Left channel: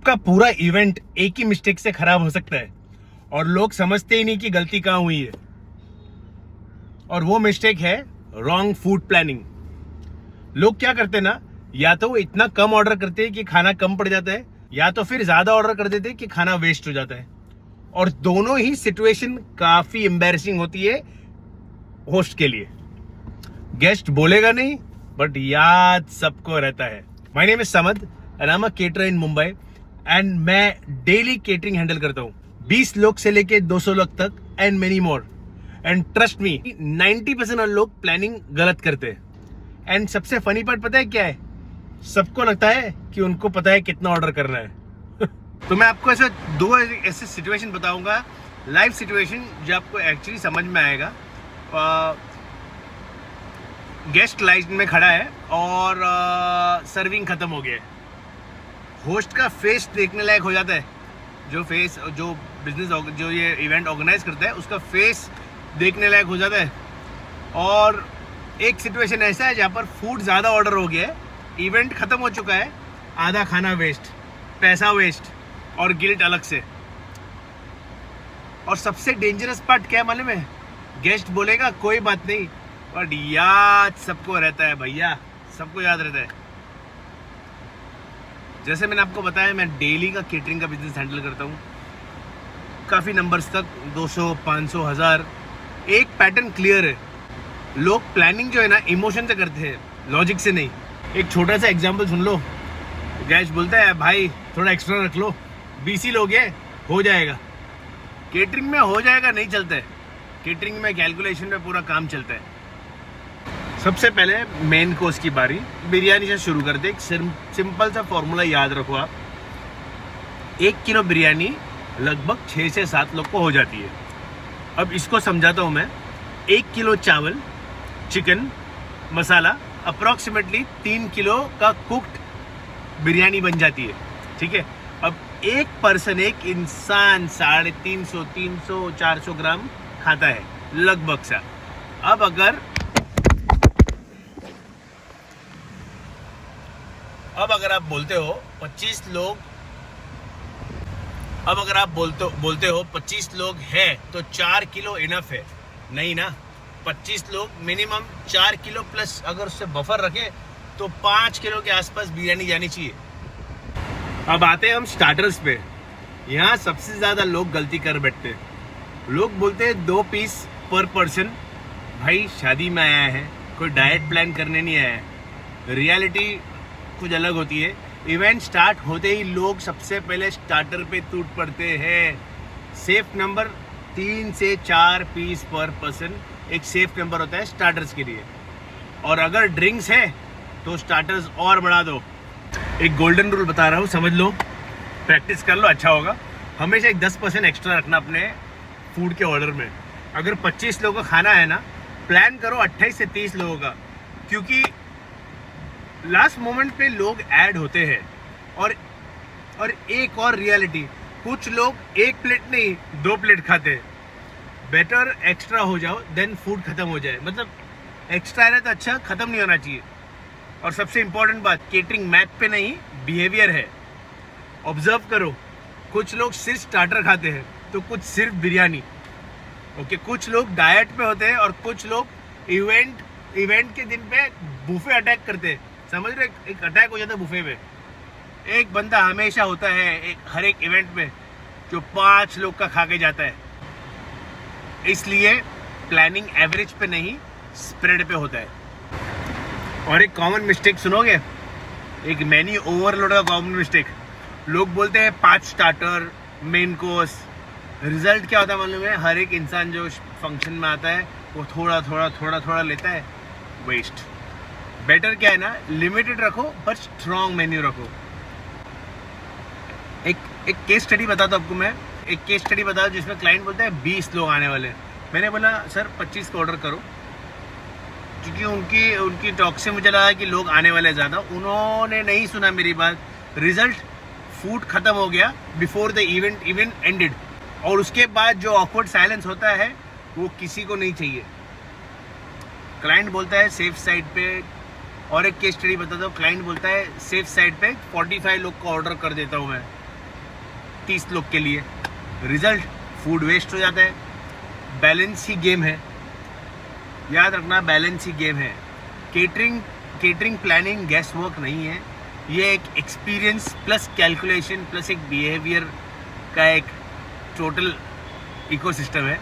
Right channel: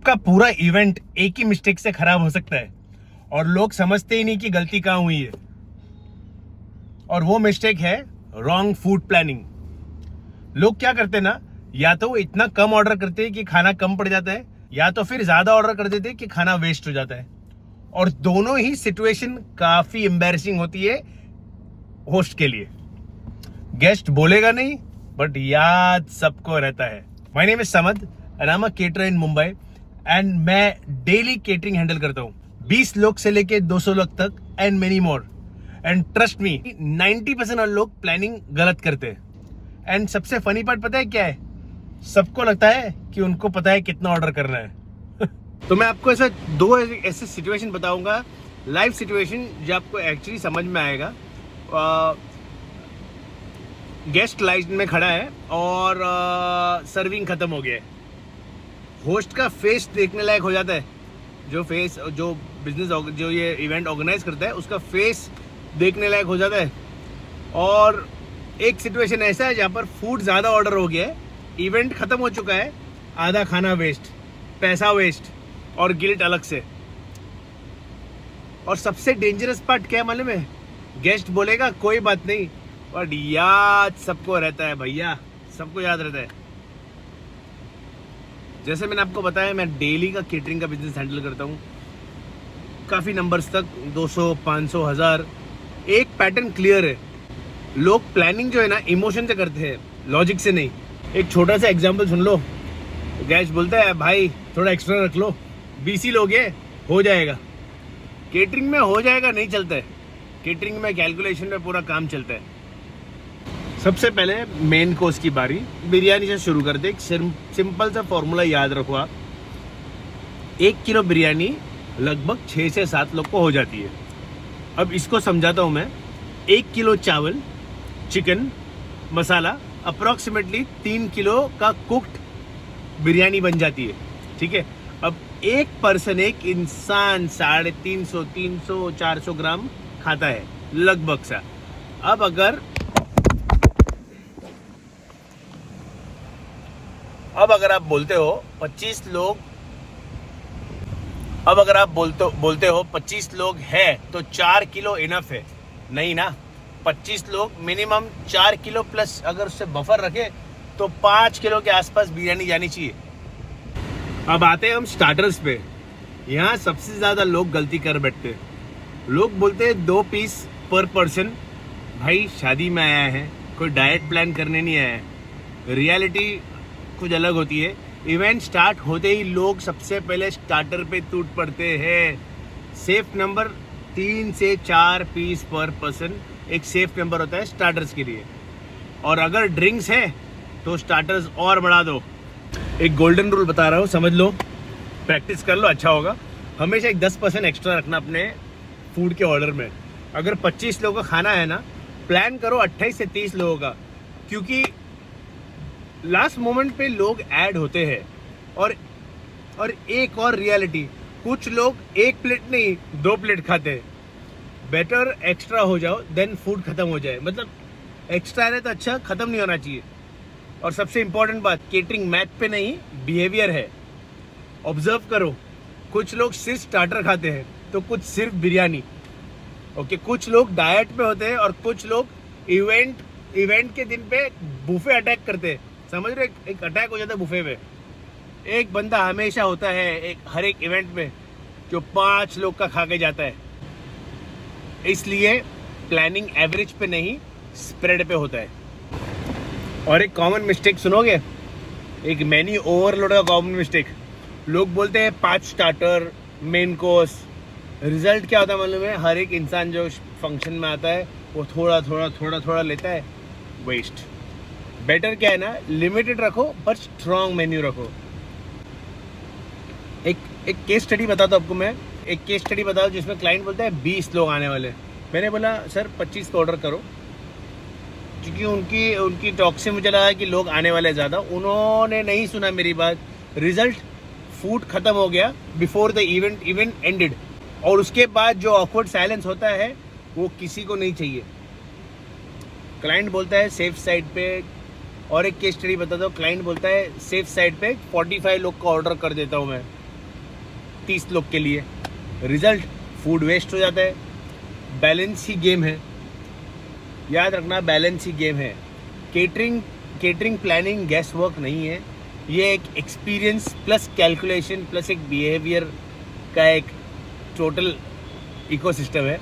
आपका पूरा इवेंट एक ही मिस्टेक से खराब हो सकता है और लोग समझते ही नहीं कि गलती कहाँ हुई है। और वो मिस्टेक है रॉन्ग फूड प्लानिंग। लोग क्या करते हैं ना, या तो वो इतना कम ऑर्डर करते हैं कि खाना कम पड़ जाता है, या तो फिर ज्यादा ऑर्डर कर देते हैं कि खाना वेस्ट हो जाता है। और दोनों ही सिचुएशन काफी एम्बैरेसिंग होती है होस्ट के लिए। गेस्ट बोलेगा नहीं, बट याद सबको रहता है। My name is Samad and I am a caterer in Mumbai and मैं डेली केटरिंग हैंडल करता हूँ, 20 लोग से लेके 200 लोग तक and many more. And trust me, 90% लोग प्लानिंग गलत करते हैं। एंड सबसे फनी पार्ट पता है क्या है? सबको लगता है कि उनको पता है कितना ऑर्डर करना है। तो मैं आपको ऐसे दो ऐसे सिचुएशन बताऊंगा, लाइव सिचुएशन, जो आपको एक्चुअली समझ में आएगा। गेस्ट लाइन में खड़ा है और सर्विंग खत्म हो गया है। होस्ट का फेस देखने लायक हो जाता है। जो बिजनेस जो ये इवेंट ऑर्गेनाइज करता है, उसका फेस देखने लायक हो जाता है। और एक सिचुएशन ऐसा है जहां पर फूड ज्यादा ऑर्डर हो गया है, इवेंट खत्म हो चुका है, आधा खाना वेस्ट, पैसा वेस्ट और गिल्ट अलग से। और सबसे डेंजरस पार्ट क्या मालूम है? गेस्ट बोलेगा कोई बात नहीं, बट याद सबको रहता है भैया, सबको याद रहता है। जैसे मैंने आपको बताया, मैं डेली का केटरिंग का बिजनेस हैंडल करता हूँ, काफी नंबर्स तक, 200, 500, 1000। एक पैटर्न क्लियर है। लोग प्लानिंग जो है ना, इमोशन से करते हैं, लॉजिक से नहीं। एक छोटा सा एग्जांपल सुन लो। गेस्ट बोलता है भाई थोड़ा एक्स्ट्रा रख लो, 20 ही लोग हैं, हो जाएगा। केटरिंग में हो जाएगा नहीं चलता है। केटरिंग में कैलकुलेशन में पूरा काम चलता है। सबसे पहले मेन कोर्स की बारी बिरयानी से शुरू करते। एक सिंपल सा फॉर्मूला याद रखो आप, 1 किलो बिरयानी लगभग 6 से 7 लोग को हो जाती है। अब इसको समझाता हूं मैं। 1 किलो चावल, चिकन मसाला, अप्रोक्सीमेटली 3 किलो का कुक्ड बिरयानी बन जाती है। ठीक है। अब एक पर्सन, एक इंसान 350, 300, 400 ग्राम खाता है लगभग सा। अब अगर आप बोलते हो 25 लोग, अब अगर आप बोलते हो 25 लोग हैं तो 4 किलो इनफ है। नहीं ना, 25 लोग मिनिमम 4 किलो प्लस अगर उससे बफर रखे तो 5 किलो के आसपास बिरयानी जानी चाहिए। अब आते हैं हम स्टार्टर्स पे। यहाँ सबसे ज्यादा लोग गलती कर बैठते हैं। लोग बोलते हैं 2 पीस पर पर्सन। भाई शादी में आया है, कोई डाइट प्लान करने नहीं आया है। रियलिटी कुछ अलग होती है। इवेंट स्टार्ट होते ही लोग सबसे पहले स्टार्टर पे टूट पड़ते हैं। सेफ नंबर 3 से 4 पीस पर पर्सन एक सेफ नंबर होता है स्टार्टर्स के लिए। और अगर ड्रिंक्स है तो स्टार्टर्स और बढ़ा दो। एक गोल्डन रूल बता रहा हूँ, समझ लो, प्रैक्टिस कर लो, अच्छा होगा। हमेशा एक 10% एक्स्ट्रा रखना अपने फूड के ऑर्डर में। अगर 25 लोगों का खाना है ना, प्लान करो 28 से 30 लोगों का, क्योंकि लास्ट मोमेंट पे लोग ऐड होते हैं। और एक और रियलिटी, कुछ लोग 1 प्लेट नहीं 2 प्लेट खाते हैं। बेटर एक्स्ट्रा हो जाओ देन फूड खत्म हो जाए। मतलब एक्स्ट्रा है तो अच्छा, खत्म नहीं होना चाहिए। और सबसे इंपॉर्टेंट बात, केटरिंग मैथ पे नहीं, बिहेवियर है। ऑब्जर्व करो, कुछ लोग सिर्फ स्टार्टर खाते हैं तो कुछ सिर्फ बिरयानी। ओके, कुछ लोग डाइट पे होते हैं और कुछ लोग इवेंट के दिन पे बुफे अटैक करते हैं। समझ रहे, एक अटैक हो जाता है बुफे में। एक बंदा हमेशा होता है हर एक इवेंट में जो 5 लोग का खा के जाता है। इसलिए प्लानिंग एवरेज पे नहीं, स्प्रेड पे होता है। और एक कॉमन मिस्टेक सुनोगे, एक मेन्यू ओवरलोड का कॉमन मिस्टेक। लोग बोलते हैं 5 स्टार्टर, मेन कोर्स। रिजल्ट क्या होता है मालूम है? हर एक इंसान जो फंक्शन में आता है वो थोड़ा लेता है, वेस्ट। बेटर क्या है ना, लिमिटेड रखो पर स्ट्रॉन्ग मेन्यू रखो। एक केस स्टडी बताता हूं आपको मैं। एक केस स्टडी बता दो जिसमें क्लाइंट बोलता है 20 लोग आने वाले। मैंने बोला सर 25 का ऑर्डर करो, क्योंकि उनकी टॉक से मुझे लगा कि लोग आने वाले ज्यादा। उन्होंने नहीं सुना मेरी बात। रिजल्ट, फूड खत्म हो गया बिफोर द इवेंट एंडेड। और उसके बाद जो ऑकवर्ड साइलेंस होता है वो किसी को नहीं चाहिए। क्लाइंट बोलता है सेफ साइड पे। और एक केस स्टडी बताता हूँ, क्लाइंट बोलता है सेफ साइड पे 45 लोग का ऑर्डर कर देता हूँ मैं। 30 लोग के लिए, रिजल्ट फूड वेस्ट हो जाता है। बैलेंस ही गेम है, याद रखना, बैलेंस ही गेम है। केटरिंग प्लानिंग गेस्ट वर्क नहीं है, ये एक एक्सपीरियंस प्लस कैलकुलेशन प्लस एक बिहेवियर का एक टोटल इकोसिस्टम है।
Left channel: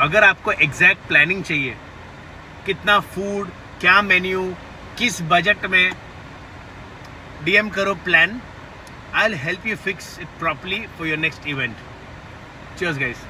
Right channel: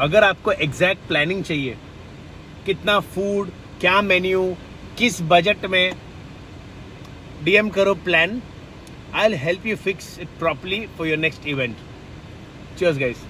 अगर आपको एग्जैक्ट प्लानिंग चाहिए, कितना फूड, क्या मेन्यू, किस बजट में, डीएम करो plan. I will help you fix it properly for your next event. Cheers guys.